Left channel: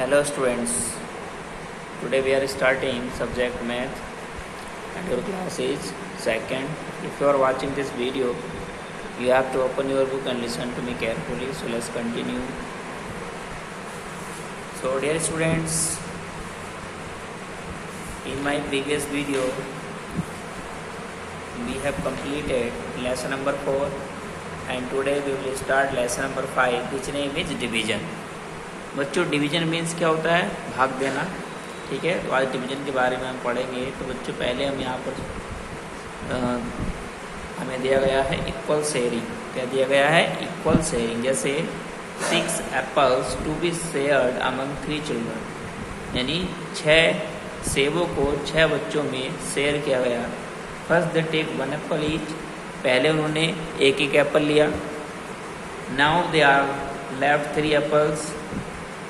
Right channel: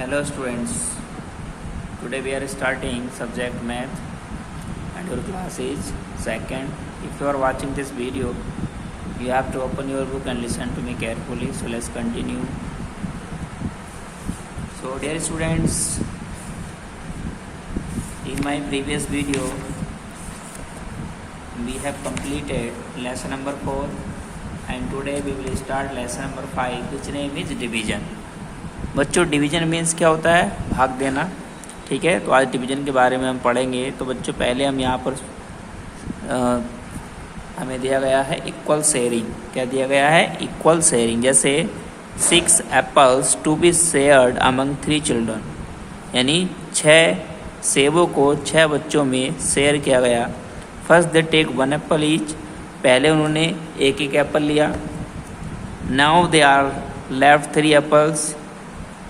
Hello students, today we are starting subject math and your class is second. If you are watching this video, you have to open your book and listen to me carefully. So let's continue. So dear students, in my previous video, we have completed lesson number 4 and today we will start lesson number 5 which name is division. बच्चों division means क्या होता है? भाग देना। ठीक है, तो आज डिवीज़न के बारे में हम पढ़ेंगे। तो बच्चों पहले हम यहाँ पर हमें दिया गया है इक्वल शेयरिंग। क्या दिया गया है? Equal sharing. जैसे 6 apples to be shared among 3 children, यानी 6 सेबों को 6 बच्चों में शेयर किया गया। First they take 1 apple each, पहले उन्होंने एक एप्पल लिया। Now they are left 3 apples,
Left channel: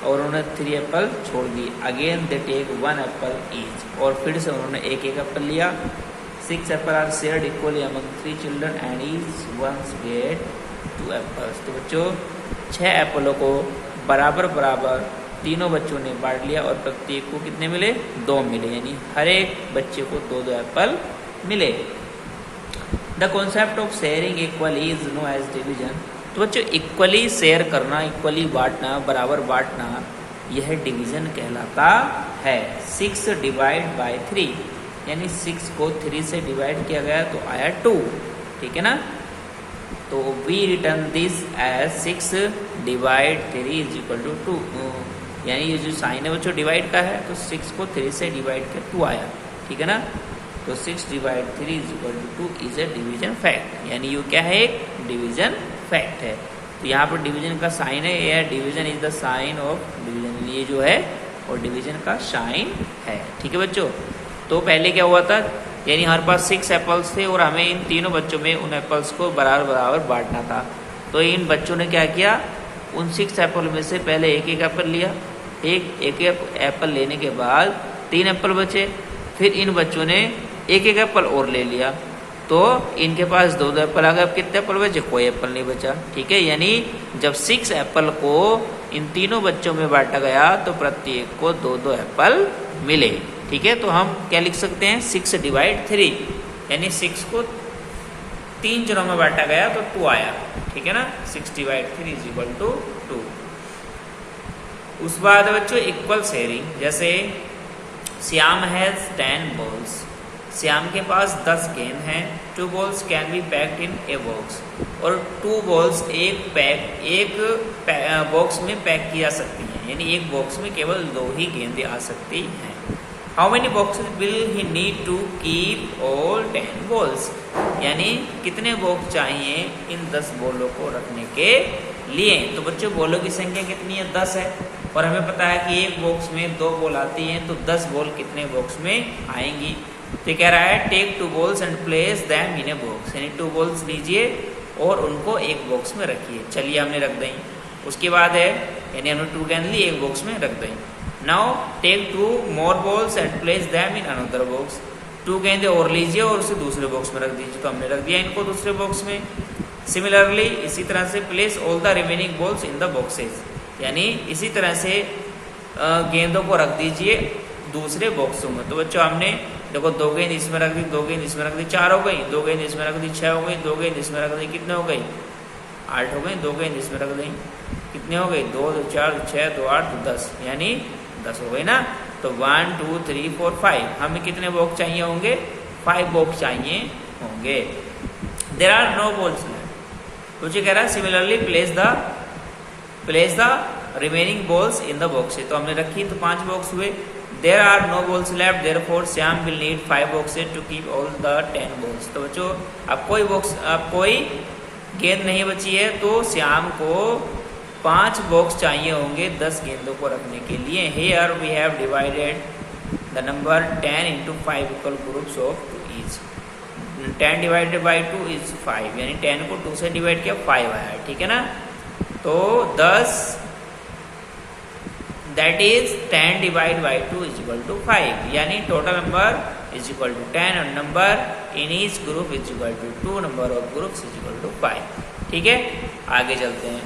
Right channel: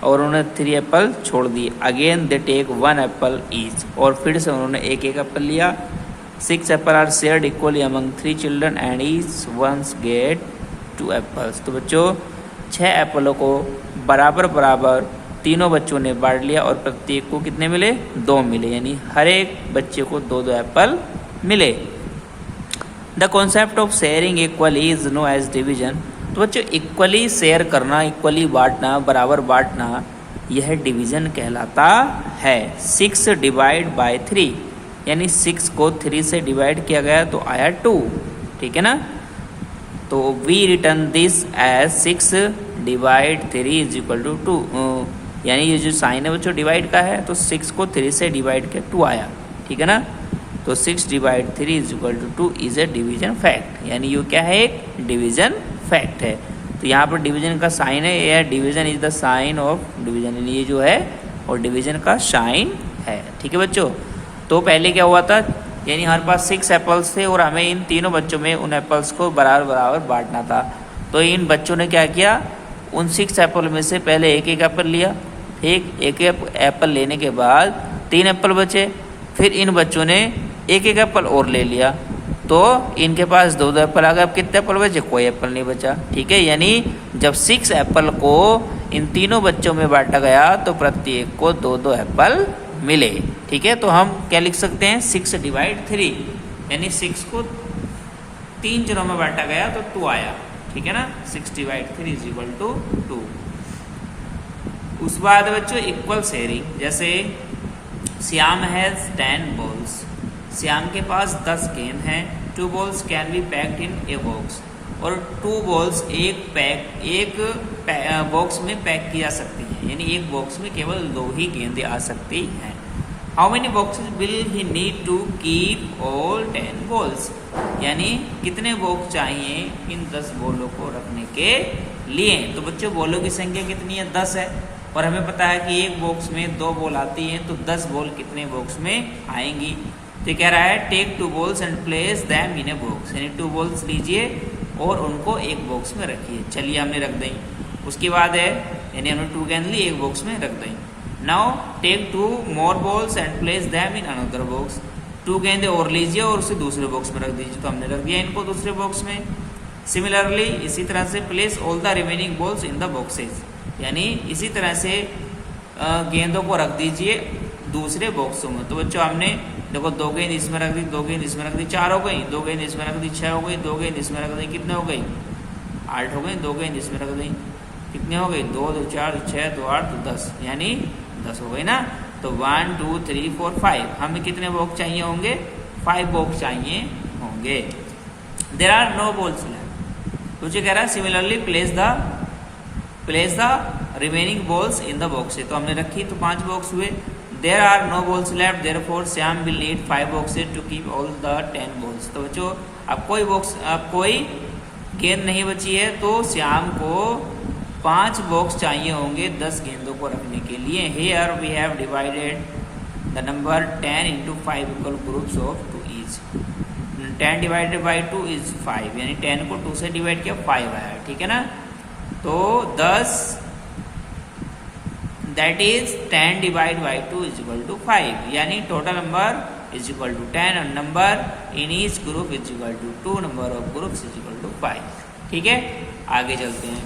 और उन्होंने 3 एप्पल छोड़ दिए। Again they take 1 apple each, और फिर से उन्होंने एक एप्पल लिया। 6 apple are shared equally among 3 children and each ones get 2 apples. तो बच्चों 6 एप्पलों को बराबर बराबर तीनों बच्चों ने बांट लिया और प्रत्येक को कितने मिले? 2 मिले, यानी हर एक बच्चे को 2-2 एप्पल मिले। The concept of sharing equally is known as division. तो बच्चों इक्वली शेयर करना, इक्वली बांटना, बराबर बांटना, यह डिवीजन कहलाता है। 6 डिवाइड बाय 3, यानी 6 को 3 से डिवाइड किया गया तो आया 2। ठीक है ना? तो we return this as 6 divide 3 is equal to 2। यानी ये जो साइन है बच्चों डिवाइड का है, तो 6 को 3 से डिवाइड किया 2 आया। ठीक है ना? तो 6 divide 3 is equal to 2 is a division fact. यानी ये क्या है? एक डिवीजन फैक्ट है। तो यहाँ पर डिवीजन का साइन है, यह division is the sign of division. ये जो है और डिवीजन का साइन है। ठीक है बच्चों? तो पहले क्या हुआ था, यानी हमारे पास 6 एप्पल्स थे और हमें इन तीनों बच्चों में उन एप्पल्स को बराबर बराबर बांटना था। तो इन बच्चों ने क्या किया, उन 6 एप्पल में से पहले एक एप्पल लिया। एक एप्पल लेने के बाद 3 एप्पल बचे। फिर इन बच्चों ने एक एप्पल और ले लिया, तो इनके पास 2-2 एप्पल आ गए। अब कितने एप्पल बचे? कोई एप्पल नहीं बचा। ठीक है, यानी जब 6 एप्पल को इन तीनों बच्चों में बांटा गया तो प्रत्येक को 2-2 एप्पल मिले। ठीक है, तो हम क्या लिख सकते हैं? 6 डिवाइड 3, यानी 6 को 3 जनों में बांटा गया तो 2 आया। ठीक है ना? 6 डिवाइड 3 इज इक्वल टू 2। उस बाद बच्चों इक्वल शेयरिंग। जैसे श्याम हैज 10 बॉल्स, श्याम के पास 10 गेंद हैं। 2 balls can be packed in a box, और 2 बॉल्स एक बॉक्स में पैक की जा सकती हैं, यानी एक बॉक्स में केवल 2 ही गेंदें आ सकती हैं। How many boxes will he need to keep all 10 balls, यानी कितने बॉक्स चाहिए इन 10 बॉलों को रखने के लिए? तो बच्चों बॉलों की संख्या कितनी है? 10 है, और हमें पता है कि एक बॉक्स में 2 बॉल आती हैं, तो 10 बॉल कितने बॉक्स में आएंगी? तो कह रहा है take 2 balls and place them in a box, यानी 2 बॉल्स लीजिए और उनको एक बॉक्स में रखिए। चलिए हमने रख दी। उसके बाद है, यानी हमने 2 गेंद ली, एक बॉक्स में रख दी। Now take 2 more balls and place them in another box, 2 गेंदे और लीजिए और उसे दूसरे बॉक्स में रख दीजिए। तो हमने रख दिया इनको दूसरे बॉक्स में। सिमिलरली इसी तरह से place all the remaining balls in the boxes, यानी इसी तरह से गेंदों को रख दीजिए दूसरे बॉक्सों में। तो बच्चों हमने देखो 2 गेंद इसमें रख दी, 2 गेंद इसमें रख दी, 4 हो गई। 2 गेंद इसमें रख दी, 6 हो गई। 2 गेंद इसमें रख दी, कितने हो गई? 8 हो गई। 2 गेंद इसमें रख दी, कितने हो गई? 2, 2, 4, 6, 2, 8, 10, यानी 10 हो गई ना। तो 1, 2, 3, 4, 5, हमें कितने बॉक्स चाहिए होंगे? 5 बॉक्स चाहिए होंगे। There are no balls. कुछ कह रहा है similarly place the remaining balls in the boxes. तो हमने रखी तो 5 बॉक्स हुए। There are no balls left, therefore Syam will need 5 boxes to keep all the 10 balls. तो बच्चों अब कोई गेंद नहीं बची है, तो श्याम को 5 बॉक्स चाहिए होंगे 10 गेंदों को रखने के लिए। Here we have divided the number 10 into 5 equal groups of 2 each. 10 divided by 2 is 5, यानी 10 को 2 से डिवाइड किया 5 आया। ठीक है ना? तो 10 that is 10 divide by 2 is equal to 5, यानी total number is equal to 10 और number in each group is equal to 2, number of groups is equal to 5। ठीक है, आगे चलते हैं।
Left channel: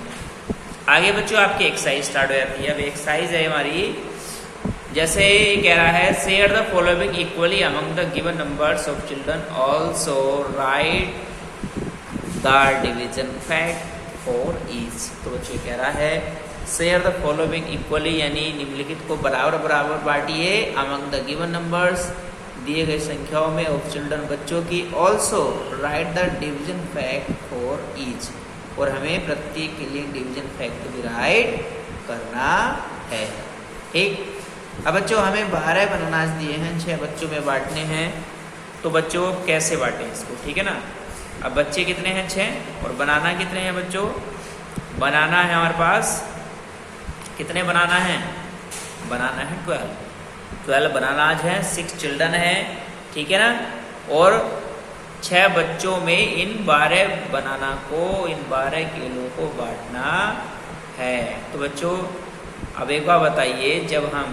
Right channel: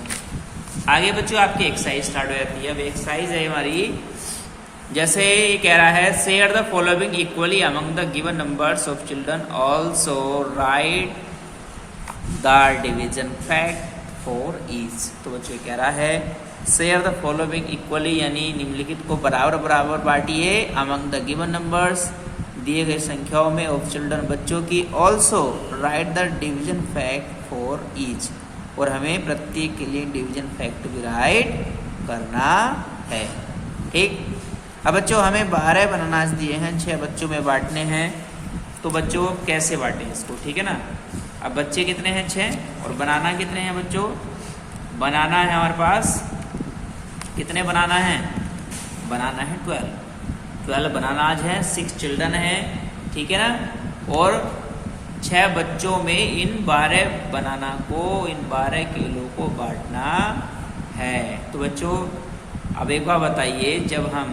आगे बच्चों आपकी एक्सरसाइज स्टार्ट हो जाती है। अब एक्सरसाइज है हमारी, जैसे ये कह रहा है share the following equally among the given numbers of children, also right the division fact for each. तो बच्चों कह रहा है शेयर द फॉलोइंग इक्वली, यानी निम्नलिखित को बराबर बराबर बांटिए अमंग द गिवन नंबर्स, दिए गए संख्याओं में, ऑफ चिल्ड्रन बच्चों की, also right the division fact for each, और हमें प्रत्येक के लिए डिवीजन फैक्ट भी राइट करना है। ठीक। अब बच्चों हमें 12 बनानास दिए हैं, 6 बच्चों में बांटने हैं, तो बच्चों कैसे बांटें इसको, ठीक है ना। अब बच्चे कितने हैं 6, और बनाना कितने हैं बच्चों, बनाना है हमारे पास, कितने बनाना है, बनाना है 12 बनानाज हैं, 6 चिल्ड्रन है, ठीक है ना। और 6 बच्चों में इन 12 बनाना को, इन 12 किलो को बांटना है। तो बच्चों अब एक बार बताइए, जब हम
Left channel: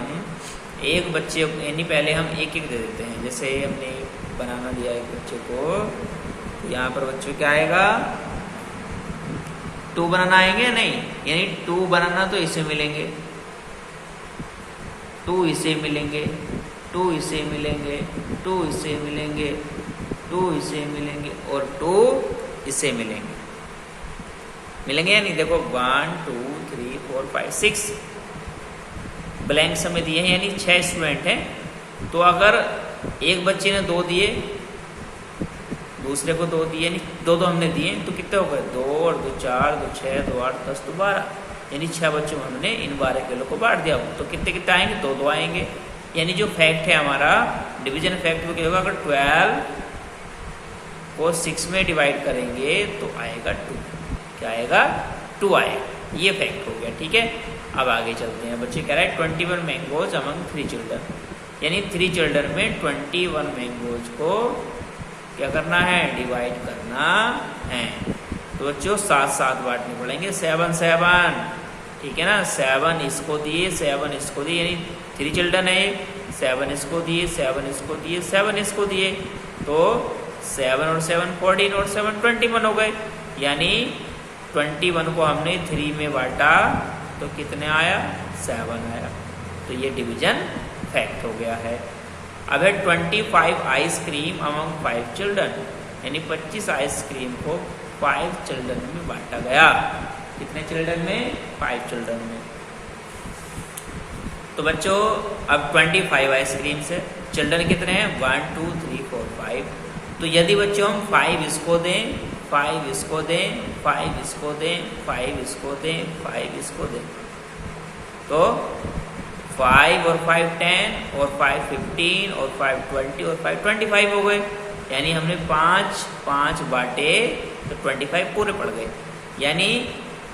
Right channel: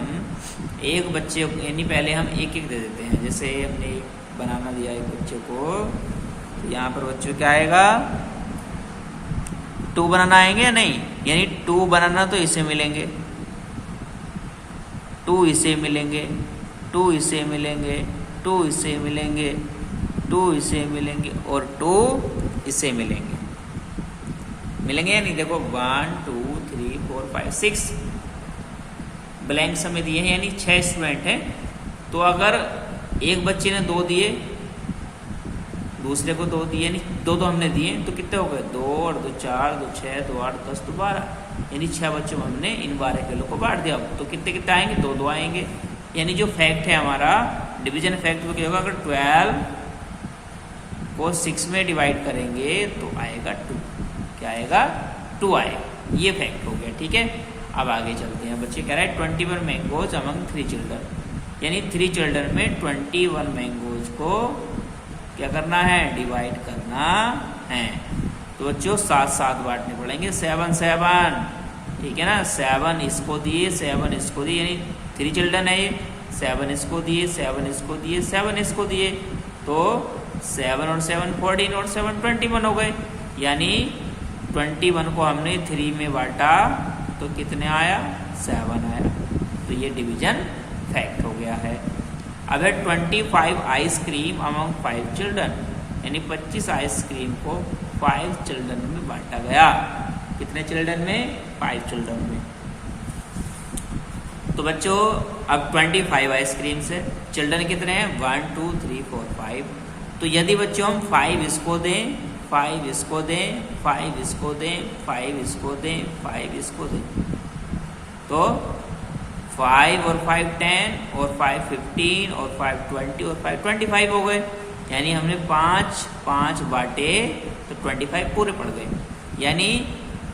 एक बच्चे यानी पहले हम एक एक दे देते हैं, जैसे हमने बनाना दिया एक बच्चे को, तो यहाँ पर बच्चों क्या आएगा, 2 बनाना आएंगे या नहीं, यानी 2 बनाना तो इसे मिलेंगे, 2 इसे मिलेंगे, 2 इसे मिलेंगे, 2 इसे मिलेंगे, 2 इसे मिलेंगे, और 2 इसे मिलेंगे, मिलेंगे या नहीं। देखो 1 2 3 4 5 6 ब्लैंक समय दिए हैं, यानी 6 स्टूडेंट हैं। तो अगर एक बच्चे ने 2 दिए, दूसरे को 2 दिए, यानी 2 हमने दिए, तो कितने हो गए, 2 और 2 4, 2 6, 2 8 10 तो 12, यानी 6 बच्चों में हमने इन 12 किलो को बांट दिया। तो कितने कितने आएंगे, 2 2 आएंगे, यानी जो फैक्ट है हमारा डिवीजन फैक्ट वो क्या होगा, अगर 12 को 6 में डिवाइड करेंगे तो आएगा 2, क्या आएगा 2 आएगा, ये फैक्ट हो गया। ठीक है, अब आगे चलते हैं। बच्चे कह रहे हैं 21 मैंगोज अमंग 3 चिल्ड्रन, यानी 3 चिल्ड्रन में 21 मैंगोज को क्या करना है, डिवाइड करना है। तो बच्चों 7 बांटने पड़ेंगे, 7 7, ठीक है ना। 7 इसको दिए, 7 इसको दिए, यानी 3 चिल्ड्रन है, 7 इसको दिए, 7 इसको दिए, 7 इसको दिए, तो 7 और 7 14 और 7 21 हो गए, यानी 21 को हमने 3 में बांटा तो कितने आया, 7 आया। तो ये डिवीजन फैक्ट हो गया है। अब है 25 आइसक्रीम अमंग 5 चिल्ड्रन, यानी 25 आइसक्रीम को 5 चिल्ड्रन में बांटा गया। कितने चिल्ड्रन में, 5 चिल्ड्रन में। तो बच्चों अब 25 आइसक्रीम से चिल्ड्रन कितने हैं, 1 2 3 4 5। तो यदि बच्चों हम 5 इसको दें, 5 इसको दें, 5 इसको दें, 5 इसको दें, 5 इसको दें, तो 5 और 5 10 और 5 15 और 5 20 और 5 25 हो गए, यानी हमने 5 बांटे तो 25 पूरे पड़ गए। यानी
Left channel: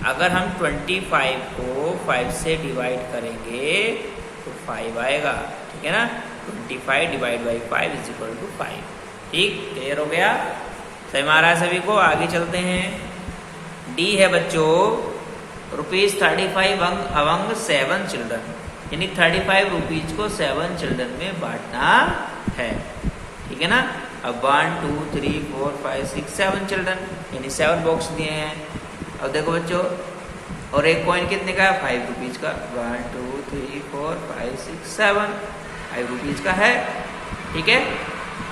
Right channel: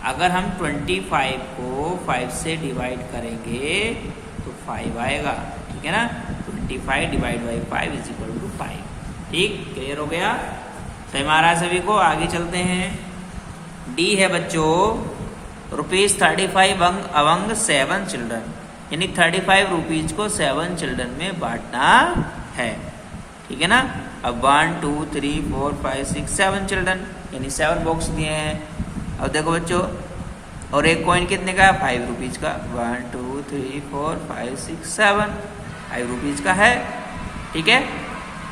अगर हम 25 को 5 से डिवाइड करेंगे तो 5 आएगा, ठीक है ना। 25 divide by 5 is equal to 5। ठीक, क्लियर हो गया, सही मारा सभी को। आगे चलते हैं। डी है बच्चों ₹35 अमंग 7 चिल्ड्रन, यानी 35 रुपीज को 7 चिल्ड्रन में बांटना है, ठीक है ना। अब 1 2 3 4 5 6 7 चिल्ड्रन, यानी 7 बॉक्स दिए हैं। अब देखो बच्चों, और एक कॉइन कितने का है, 5 रुपीज का। 1 2 3 4 5 6 7 5 रुपीज का है, ठीक है।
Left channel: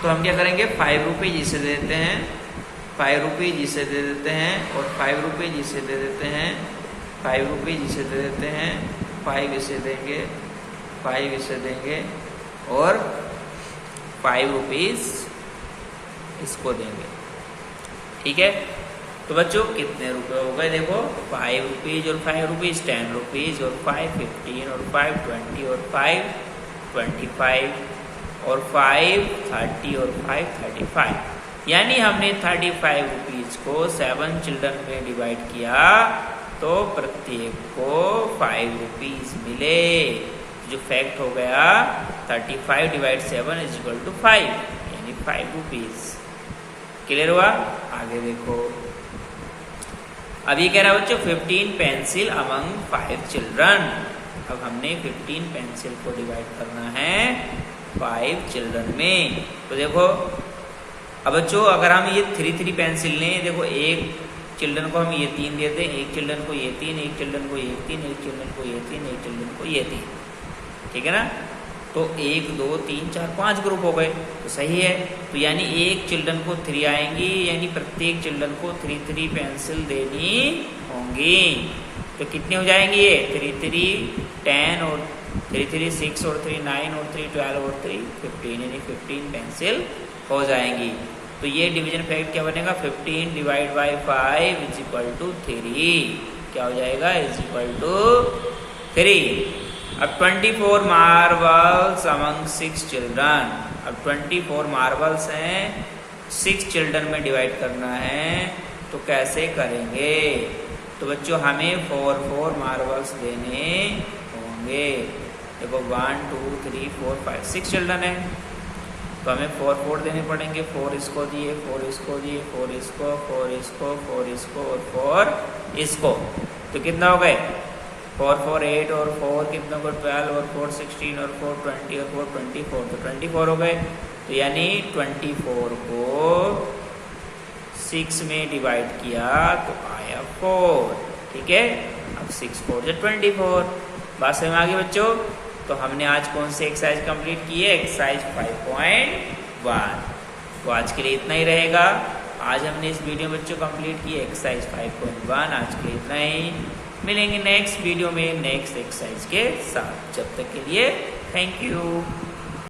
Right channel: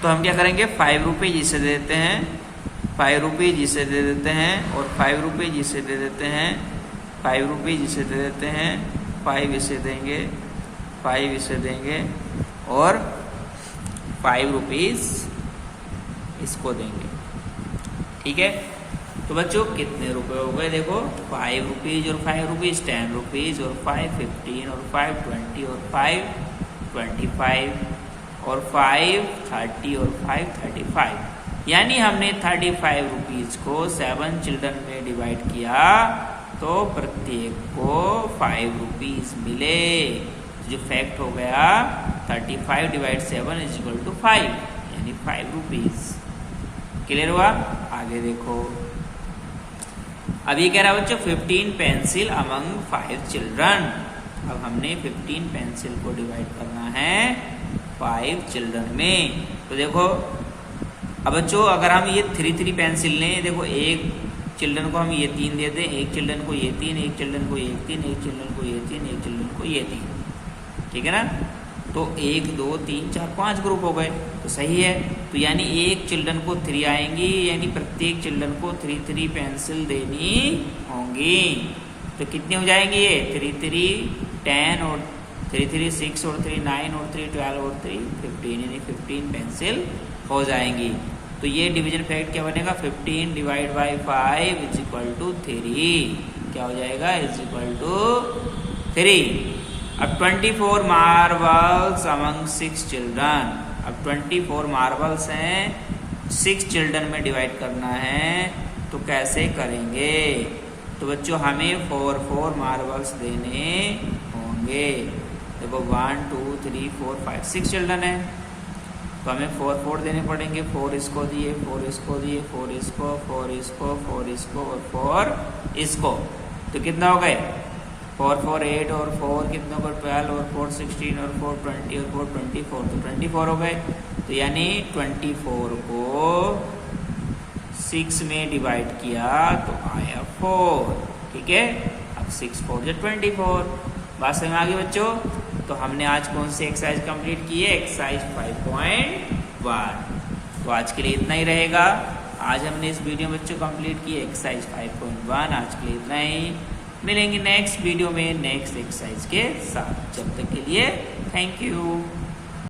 तो हम क्या करेंगे, 5 रुपीज इसे दे देते हैं, 5 रुपीज इसे दे देते हैं, और 5 रुपीज इसे दे देते हैं, 5 रुपीज इसे दे देते हैं, 5 इसे देंगे, 5 इसे देंगे, और 5 रुपीज इसको देंगे, ठीक है। तो बच्चों कितने रुपए हो गए, देखो 5 रुपीज और 5 रुपीज 10 रुपीज, और 5 15 और 5 20 और 5 25 और 5 30 और 5 35, यानी हमने 35 रुपीज को 7 चिल्ड्रन में डिवाइड किया तो प्रत्येक को 5 रुपीज मिले। जो फैक्ट हो गया 35 डिवाइड 7 इज इक्वल टू 5, यानी 5 रुपीज। क्लियर हुआ। आगे देखो, अब ये कह रहा है बच्चों 15 पेंसिल अमंग 5 चिल्ड्रन। अब हमने 15 पेंसिल को डिवाइड करना है 5 चिल्ड्रन में। तो देखो अब बच्चों, अगर हम ये 3 पेंसिल लें, देखो 1 चिल्ड्रन को हम ये 3 देते हैं, एक चिल्ड्रन को ये 3, एक चिल्ड्रन को ये 3, एक चिल्ड्रन को ये 3, एक चिल्ड्रन को ये 3, ठीक है ना। तो 1 2 3 4 5 ग्रुप हो गए, तो सही है। तो यानी एक चिल्ड्रन को 3 आएंगी, यानी प्रत्येक चिल्ड्रन को 3 3 पेंसिल देनी होंगी। तो कितनी हो जाएंगी ये 3 3 10 और 3 3 6 और 3 9 और 3 12 और 3 15, यानी 15 पेंसिल हो जाएंगी। तो ये डिवीजन फैक्ट क्या बनेगा, 15 divide by 5 is equal to 3, क्या हो जाएगा, इज इक्वल टू 3। अब 24 मार्बल्स अमंग 6 चिल्ड्रन, अब 24 मार्बल्स हैं, 6 चिल्ड्रन में डिवाइड करना है, तो कैसे करेंगे। तो बच्चों हमें 4 4 मार्बल्स देने होंगे। देखो 1 2 3 4 5 6 चिल्ड्रन है, तो हमें 4 4 देने पड़ेंगे। 4 इसको दिए, 4 इसको दिए, 4 इसको, 4 इसको, 4 इसको और 4 इसको, तो कितना हो गए 4 4 8 और 4 कितना को 12 और 4 16 और 4 20 और 4 24, तो 24 हो गए। तो यानी 24 को 6 में डिवाइड किया तो आया 4, ठीक है। अब 6 4 से 24, बात समझ में आ गई बच्चों। तो हमने आज कौन सी एक्सरसाइज कंप्लीट की है, एक्सरसाइज 5.1। तो आज के लिए इतना ही रहेगा। आज हमने इस वीडियो में बच्चों कंप्लीट की एक्सरसाइज 5.1। आज के लिए इतना ही, मिलेंगे नेक्स्ट वीडियो में नेक्स्ट एक्सरसाइज के साथ। जब तक के लिए थैंक यू।